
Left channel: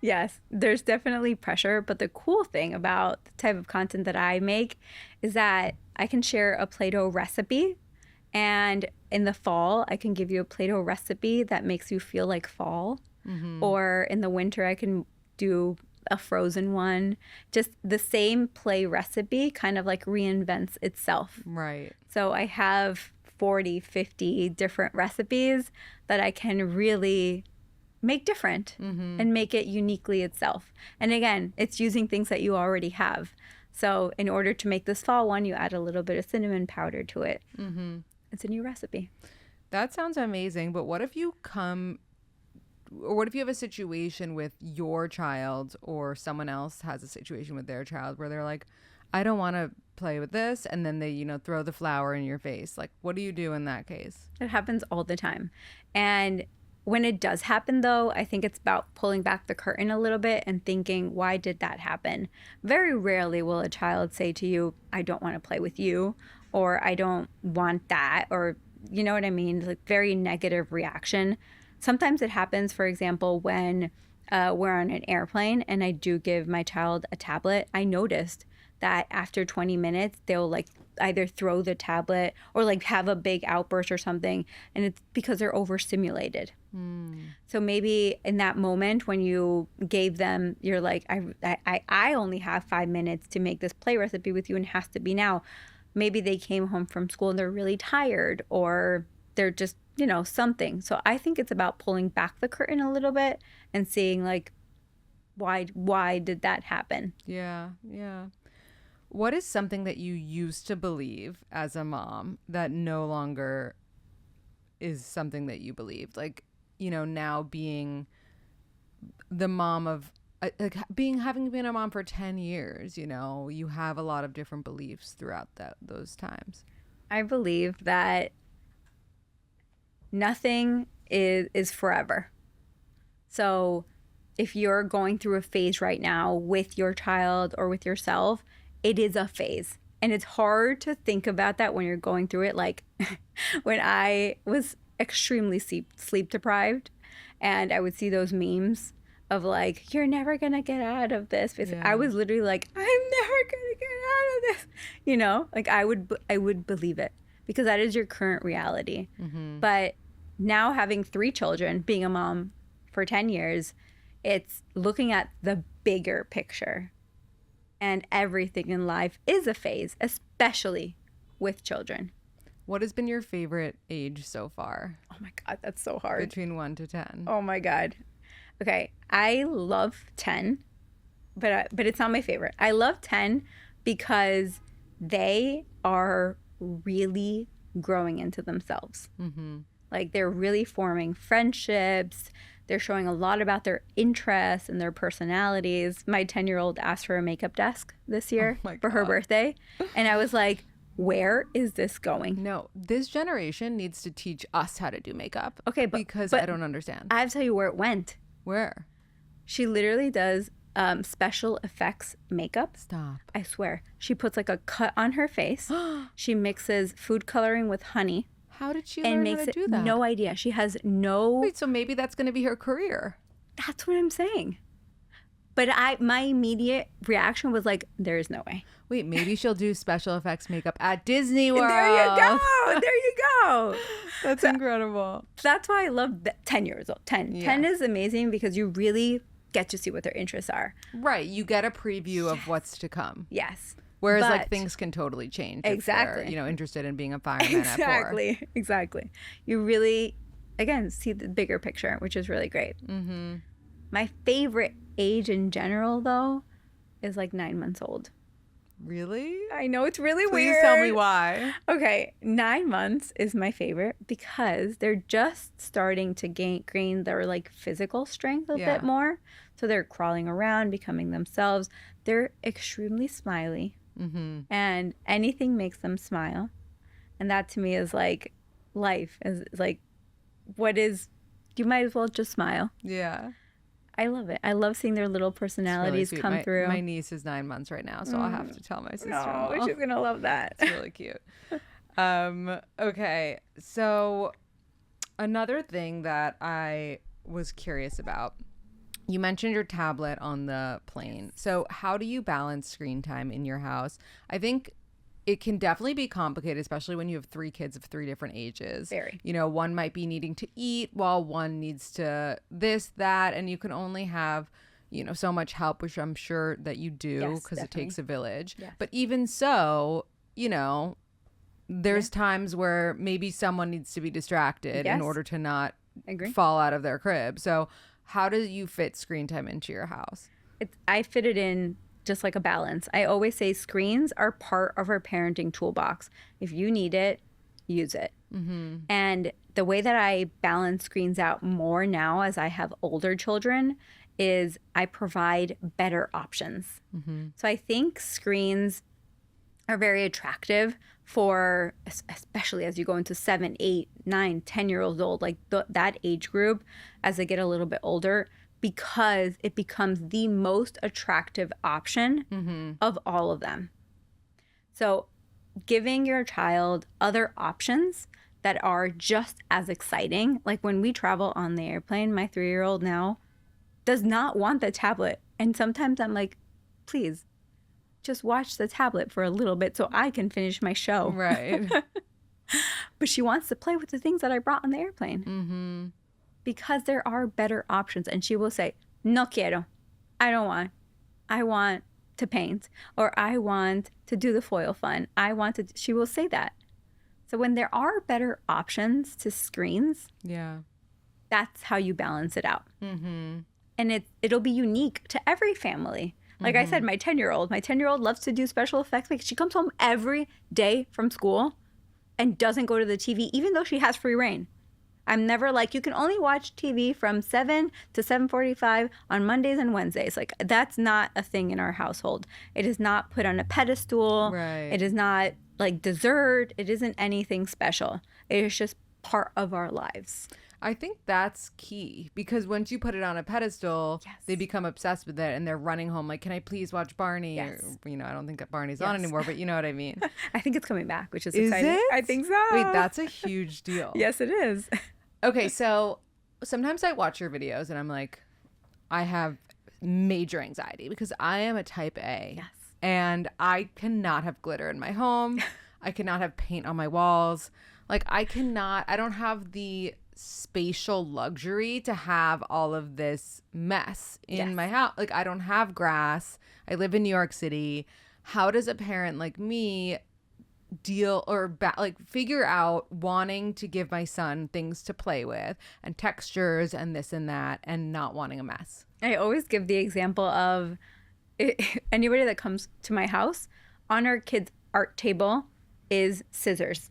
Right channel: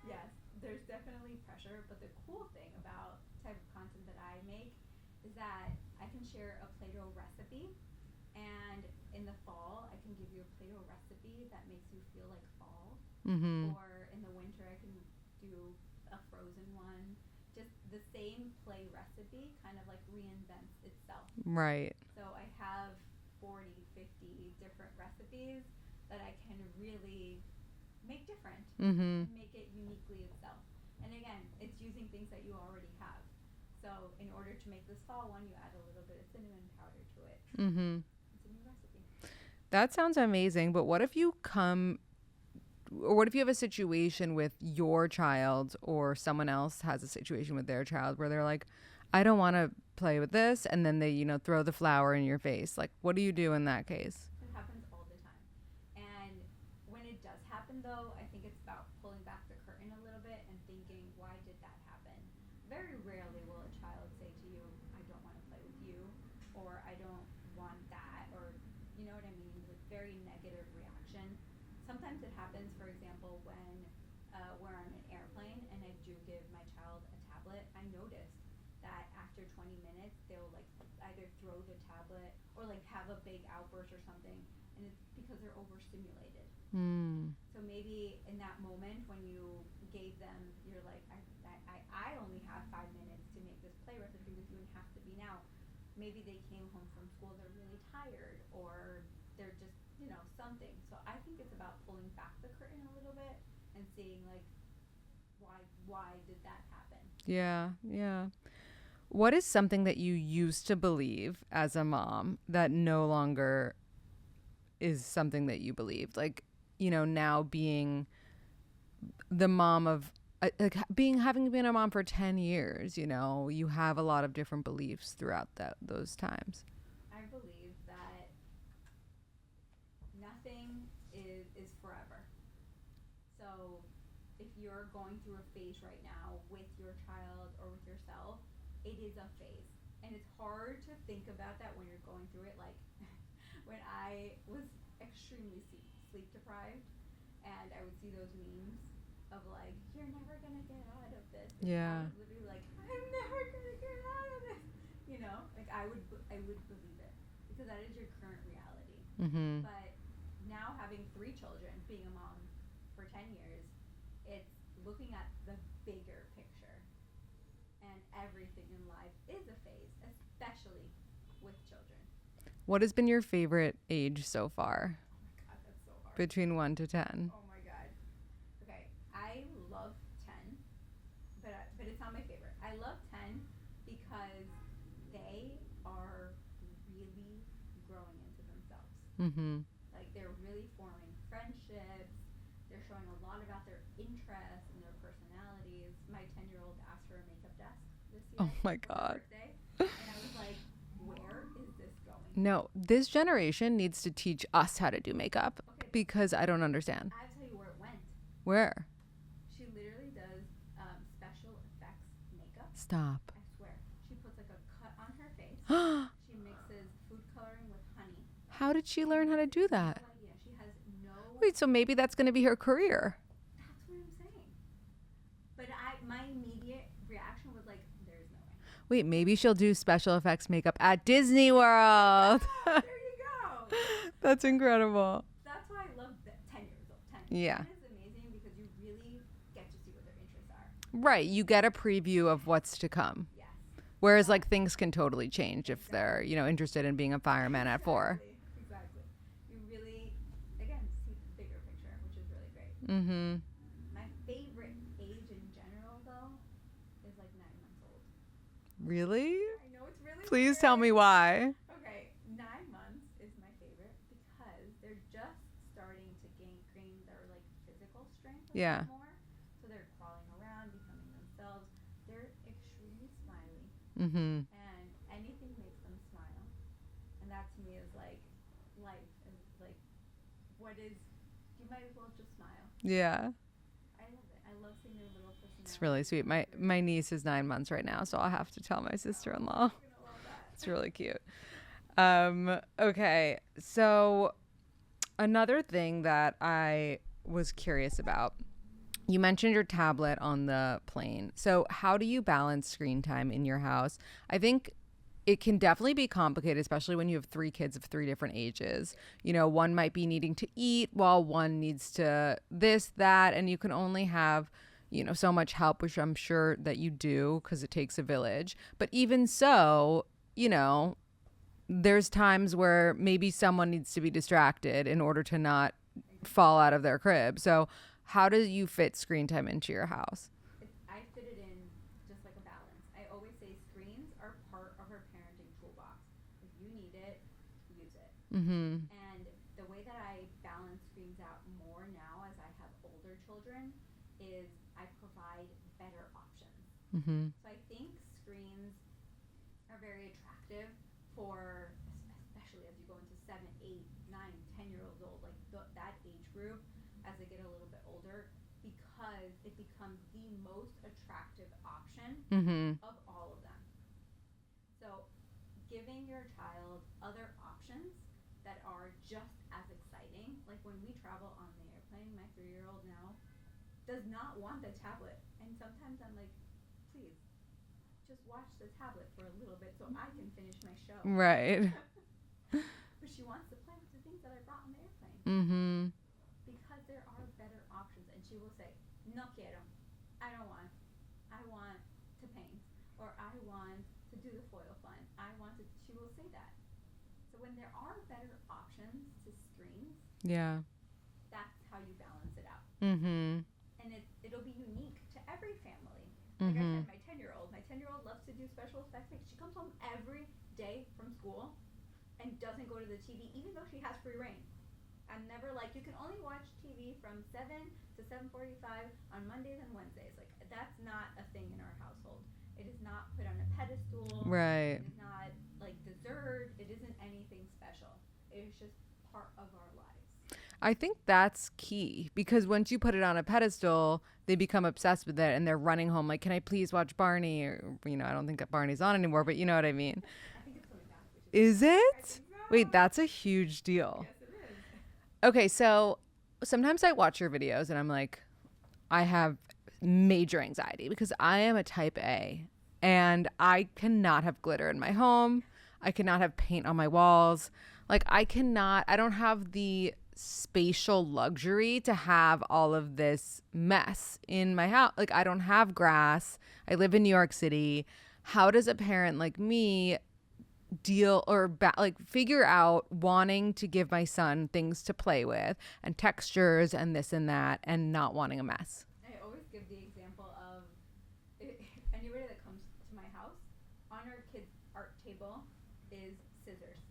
Yes, there's definitely pressure. But the cool thing about the type of content that I make is that I can share a Play-Doh recipe. And in the fall, I can give you a Play-Doh recipe that makes you feel like fall. Or in the winter, I can do a frozen one. Just the same play recipe kind of like reinvents itself. Right. So I have 40, 50 different recipes that I can really make different and make it uniquely itself. And again, it's using things that you already have. So in order to make this fall one, you add a little bit of cinnamon powder to it. It's a new recipe. That sounds amazing. But what if you have a situation with your child, or someone else has a situation with their child where they're like, I don't want to play with this, and then they, throw the flower in your face? Like, what do you do in that case? It happens all the time. And when it does happen, though, I think it's about pulling back the curtain a little bit and thinking, why did that happen? Very rarely will a child say to you, I don't want to play with you, or I don't want that, or you know what I mean? Like, very negative reaction. Sometimes it happens, for example, when we're on an airplane and I do give my child a tablet. I noticed that after 20 minutes, they'll like either throw the tablet or like have a big outburst or something. And it's because they're overstimulated. So maybe in that moment when you gave them, you're like, I only have 5 minutes to make this play recipe with you and it has to be now. Maybe they came home from school and they're really tired, or they're just, something. So I think it's about pulling back the curtain a little bit and seeing like, why did that happen? Yeah. What is something that you used to believe as a mom that no longer is something that you believed? Like, now being the mom of, having been a mom for 10 years, you have a lot of different beliefs throughout those times. I believe that nothing is forever. So if you're going through a phase right now with your child or with yourself, it is a phase. And it's hard to think about that when you're going through it. Like when I was extremely sleep deprived and I would see those memes of like, you're never going to get out of this. Yeah. I was literally like, I'm never going to get out of this. Like I would believe it because that is your current reality. But now having 3 children, being a mom for 10 years, it's looking at the bigger picture. And everything in life is a phase, especially with children. What has been your favorite age so far? Oh my God, that's so hard. Between 1 to 10. Oh my God. Okay, I love 10, but it's not my favorite. I love 10 because they are really growing into themselves. Like they're really forming friendships. They're showing a lot about their interests and their personalities. My 10-year-old asked for a makeup desk this year for her birthday. And I was like, where is this going? No, this generation needs to teach us how to do makeup. Okay, because I don't understand. I have to tell you where it went. Where? She literally does special effects makeup. Stop. I swear. She puts like a cut on her face. She mixes food coloring with honey. How did she learn how to do that? No idea. She has no... Wait, so maybe that's going to be her career. That's what I'm saying. But my immediate reaction was like, there is no way. Wait, maybe she'll do special effects makeup at Disney World. There you go. That's incredible. That's why I love 10 years old. 10. Yeah. 10 is amazing because you really get to see what their interests are. Right. You get a preview of what's to come. Yes. Whereas like things can totally change if they're, interested in being a fireman at 4. Exactly. You really, again, see the bigger picture, which is really great. My favorite age in general, though, is like 9 months old. Really? I know it's really Please weird. tell me why. Okay, 9 months is my favorite because they're just starting to gain their like physical strength a bit more. So they're crawling around, becoming themselves. They're extremely smiley, and anything makes them smile. And that to me is like life. Is like, what is? You might as well just smile. Yeah. I love it. I love seeing their little personalities really come through. My niece is 9 months right now, so I'll have to tell my sister-in-law. Oh, she's gonna love that. It's really cute. Okay, so another thing that I was curious about, you mentioned your tablet on the plane. So how do you balance screen time in your house? I think it can definitely be complicated, especially when you have 3 kids of 3 different ages. Very. You know, one might be needing to eat while one needs to this, that, and you can only have, you know, so much help, which I'm sure that you do because it takes a village. Yes. But even so, you know, there's times where maybe someone needs to be distracted in order to not fall out of their crib. So how do you fit screen time into your house? I fit it in just like a balance. I always say screens are part of our parenting toolbox. If you need it, use it. And the way that I balance screens out more now as I have older children is I provide better options. So I think screens are very attractive for, especially as you go into 7, 8, 9, 10-year-olds old, like that age group as they get a little bit older, because it becomes the most attractive option of all of them. So giving your child other options that are just as exciting. Like when we travel on the airplane, my 3-year-old now does not want the tablet. And sometimes I'm like, please, just watch the tablet for a little bit so I can finish my show. Right. But she wants to play with the things that I brought on the airplane. Because there are better options. And she will say, no quiero. I don't want. I want to paint. Or I want to do the foil fun. She will say that. So when there are better options to screens, that's how you balance it out. And it'll be unique to every family. Like I said, my 10-year-old loves to do special effects. Like she comes home every day from school and doesn't go to the TV, even though she has free reign. I'm never like, you can only watch TV from 7 to 7:45 on Mondays and Wednesdays. Like, that's not a thing in our household. It is not put on a pedestal. Right. It is not like dessert. It isn't anything special. It is just part of our lives. I think that's key, because once you put it on a pedestal, they become obsessed with it and they're running home like, can I please watch Barney? Or, you know, I don't think that Barney's on anymore, but you know what I mean. I think it's coming back, which is Is exciting. it? I think so. Wait, that's a huge deal. Yes, it is. Okay, so sometimes I watch your videos and I'm like, I have major anxiety because I am a type A. Yes. And I cannot have glitter in my home. I cannot have paint on my walls. Like I don't have the spatial luxury to have all of this mess in my house. Like I don't have grass. I live in New York City. How does a parent like me deal or figure out wanting to give my son things to play with and textures and this and that and not wanting a mess? I always give the example of anybody that comes to my house, on our kids' art table is scissors.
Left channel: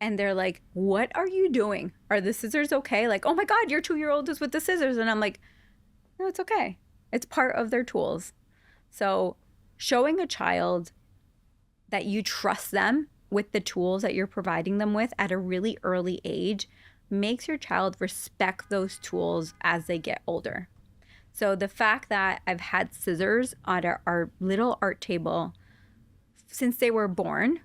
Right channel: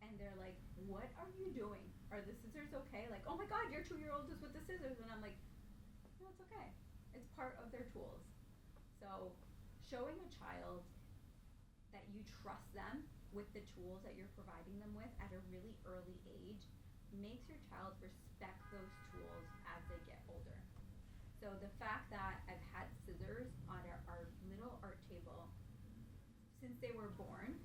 And they're like, what are you doing? Are the scissors okay? Like, oh my God, your 2-year-old is with the scissors. And I'm like, no, it's okay. It's part of their tools. So showing a child that you trust them with the tools that you're providing them with at a really early age makes your child respect those tools as they get older. So the fact that I've had scissors on our little art table since they were born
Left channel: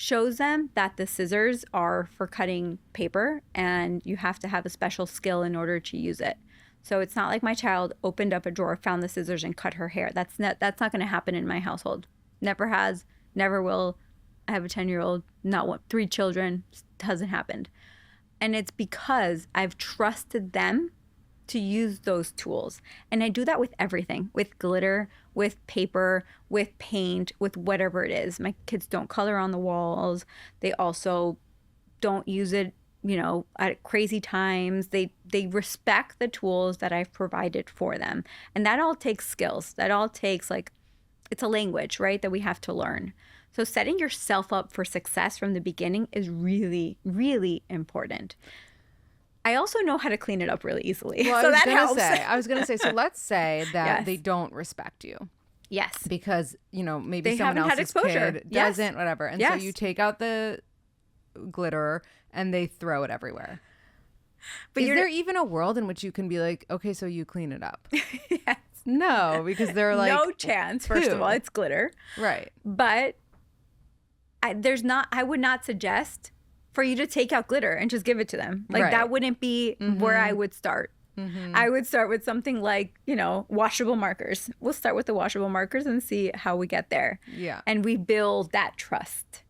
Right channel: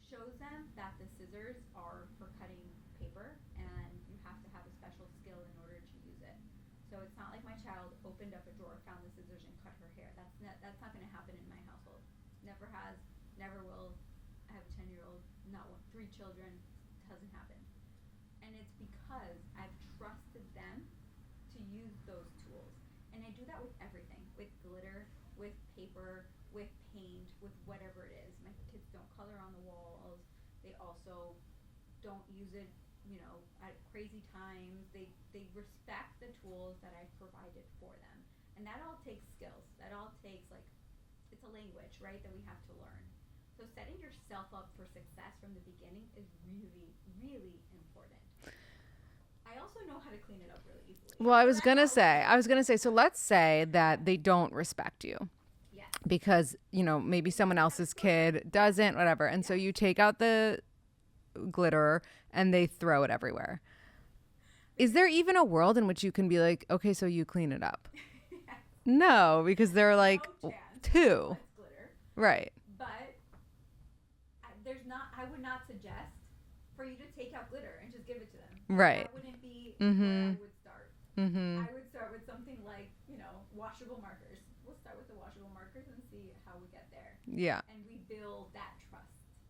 shows them that the scissors are for cutting paper and you have to have a special skill in order to use it. So it's not like my child opened up a drawer, found the scissors and cut her hair. That's not going to happen in my household. Never has, never will. I have a 10-year-old, not 3 children, hasn't happened. And it's because I've trusted them to use those tools. And I do that with everything, with glitter, with paper, with paint, with whatever it is. My kids don't color on the walls. They also don't use it at crazy times. They respect the tools that I've provided for them. And that all takes skills. That all takes, like, it's a language, right, that we have to learn. So setting yourself up for success from the beginning is really, really important. I also know how to clean it up really easily. Well, so I was gonna say, so let's say that Yes. they don't respect you. Yes. Because, maybe They someone haven't had else's exposure. kid Yes. doesn't, whatever. And so Yes. you take out the glitter and they throw it everywhere. But Is there even a world in which you can be like, okay, so you clean it up? Yes. No, because they're like, no chance. First of all, it's glitter. right. But I would not suggest for you to take out glitter and just give it to them. Like, Right. that wouldn't be where I would start. I would start with something like, washable markers. We'll start with the washable markers and see how we get there. Yeah. And we build that trust.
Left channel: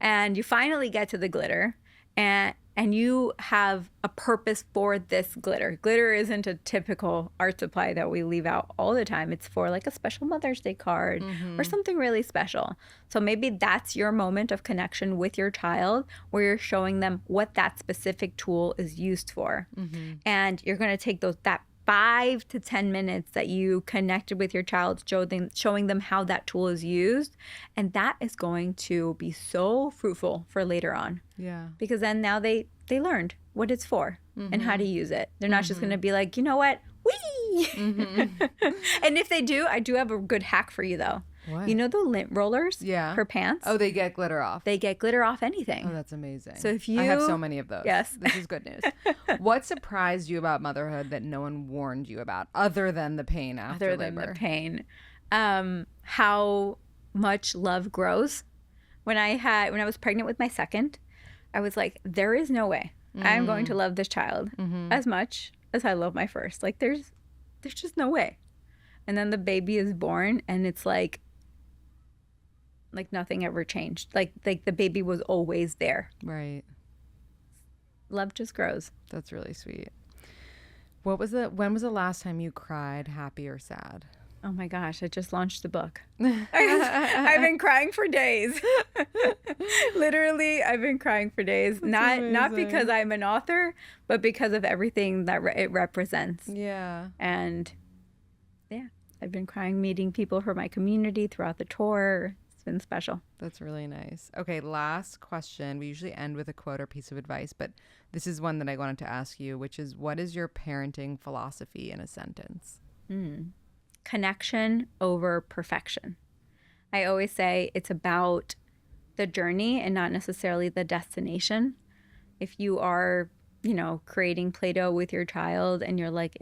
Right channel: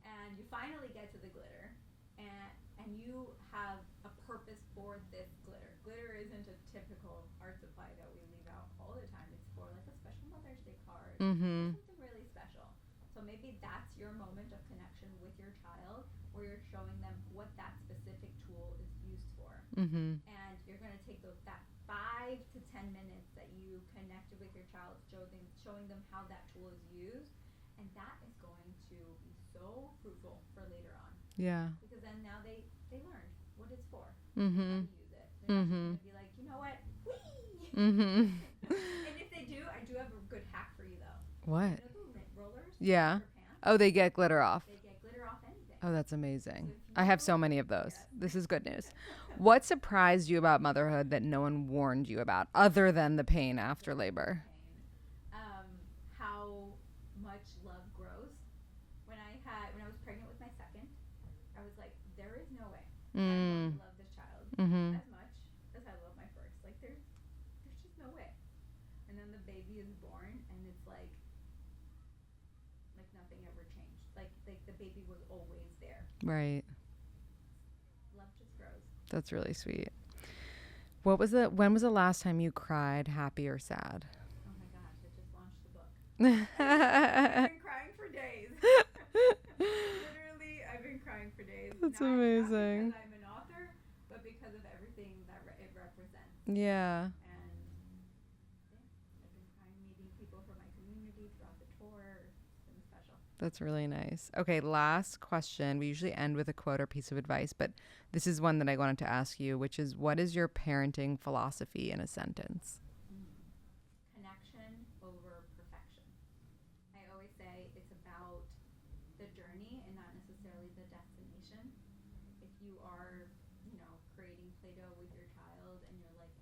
And you finally get to the glitter, and you have a purpose for this glitter. Glitter isn't a typical art supply that we leave out all the time. It's for, like, a special Mother's Day card or something really special. So maybe that's your moment of connection with your child, where you're showing them what that specific tool is used for. And you're going to take that 5 to 10 minutes that you connected with your child, showing them how that tool is used. And that is going to be so fruitful for later on. Yeah. Because then now they learned what it's for and how to use it. They're not just going to be like, you know what? Whee! And if they do, I do have a good hack for you, though. What? You know the lint rollers for pants? Oh, they get glitter off. They get glitter off anything. Oh, that's amazing. So if I have you- so many of those. Yes. This is good news. What surprised you about motherhood that no one warned you about, other than the pain after Other than labor? the pain. How much love grows. When I was pregnant with my second, I was like, there is no way I'm going to love this child as much as I love my first. Like, there's just no way. And then the baby is born, and it's like nothing ever changed. Like the baby was always there. Right. Love just grows. That's really sweet. When was the last time you cried, happy or sad? Oh my gosh, I just launched the book. I've been crying for days. Literally, I've been crying for days. Not amazing. because I'm an author, but because of everything that it represents. Yeah. And yeah, I've been crying meeting people from my community throughout the tour. It's been special. That's really nice. Okay, last question. We usually end with a quote or piece of advice, but this is one that I wanted to ask you, which is, what is your parenting philosophy in a sentence? Connection over perfection. I always say it's about the journey and not necessarily the destination. If you are, creating Play-Doh with your child and you're like,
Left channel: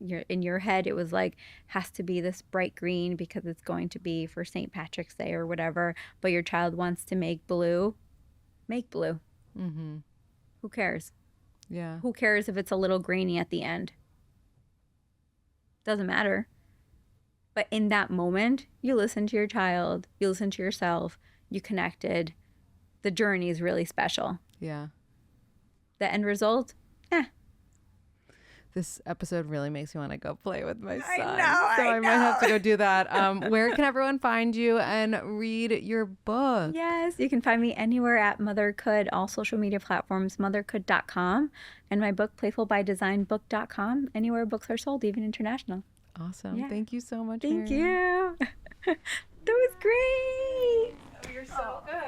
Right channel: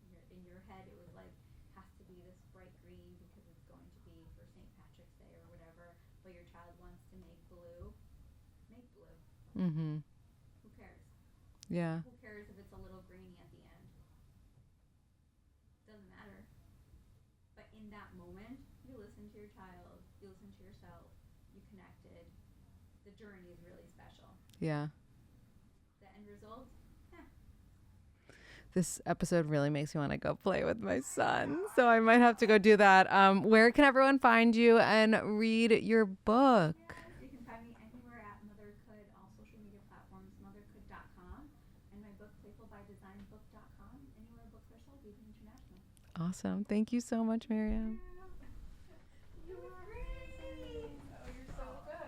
you're in your head, it was like, has to be this bright green because it's going to be for St. Patrick's Day or whatever, but your child wants to make blue, make blue. Who cares? Yeah. Who cares if it's a little grainy at the end? Doesn't matter. But in that moment, you listen to your child, you listen to yourself, you connected. The journey is really special. Yeah. The end result, This episode really makes me want to go play with my son. know, I might have to go do that. Where can everyone find you and read your book? yes, you can find me anywhere at Mothercould, all social media platforms, mothercould.com, and my book, playfulbydesignbook.com, anywhere books are sold, even international. Awesome. Yeah. Thank you so much, Thank Myriam. you. That was great.